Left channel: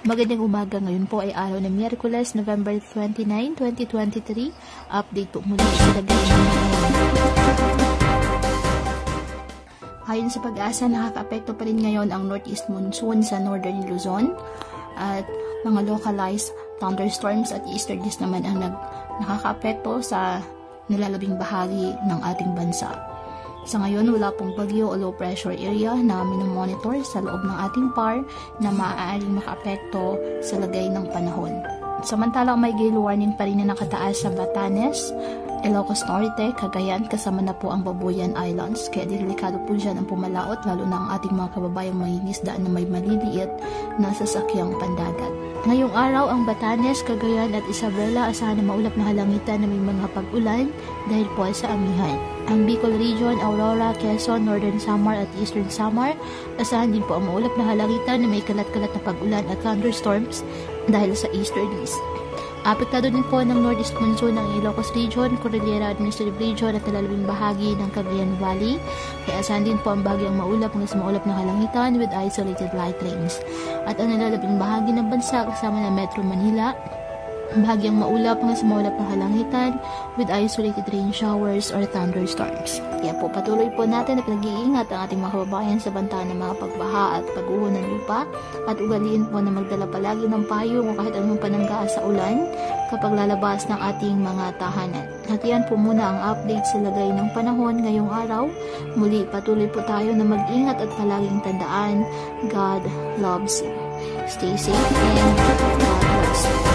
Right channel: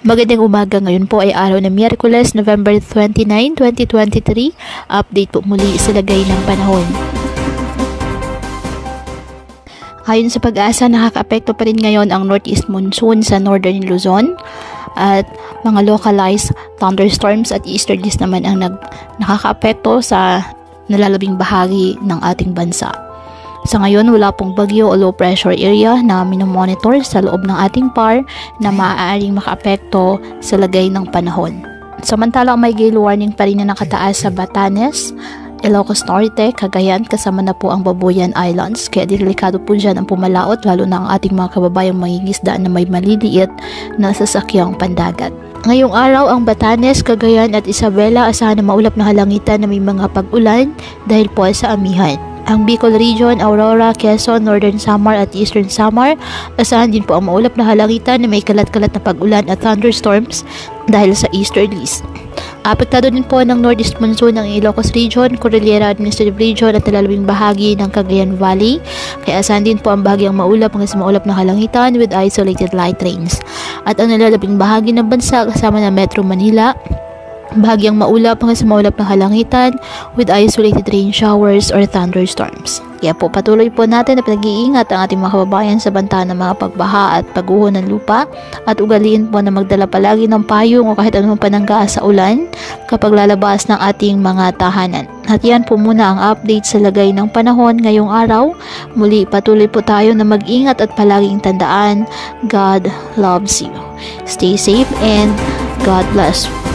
Magandang umaga, ngayon po ay araw ng Miyerkules, November 29, 2023. Update po muli sa lagay ng panahon. Ayon sa Pag-asa, nakaka-apekto pa rin ngayon ang northeast monsoon sa northern Luzon at mga localized thunderstorms at easterlies naman ang nakaka-apekto sa nalalabing bahagi ng ating bansa. Sa ngayon, wala pong bagyo o low pressure area na minomonitor sa loob ng ating PAR na maaaring makaapekto sa lagay ng panahon. Samantalang may gale warning pa rin na nakataas sa Batanes, Ilocos Norte, Cagayan, kasama na po ang Babuyan Islands. Kaya delikado po dyan ang pumalaot, lalo na ang ating mga kababayang mangingisda na may maliliit na sasakyang pandagat. Ngayong araw, ang Batanes, Cagayan at Isabela asahan na maulap na halangitan na may mga pag-ulan dahil po sa amihan. Ang Bicol Region, Aurora, Quezon, Northern Samar at Eastern Samar, asahan din po ang maulap na halangitan na may kalat-kalat na pag-ulan at thunderstorms dahil sa easterlies. Apektado din po ng northeast monsoon ng Ilocos Region, Cordillera Administrative Region at nalalabing bahagi ng Cagayan Valley. Kaya asahan din po ang bahagyang maulap hanggang sa maulap na halangitan with isolated light rains. At ang nalalabing bahagi ng bansa kasama ng Metro Manila, bahagyang maulap hanggang sa maulap na halangitan with isolated rain showers or thunderstorms. Kaya po patuloy po natin na pinag-iingat ang ating mga kababayan sa banta ng mga pagbaha at pagguho ng lupa at ugaliin po na magdala palagi ng payong o kahit anong panangga sa ulan kapag lalabas ng ating mga tahanan. At yan po muna ang update sa lagay ng panahon ngayong araw. Muli patuloy po tayo na mag-ingat at palaging tandaan, God loves you. Stay safe and God bless you.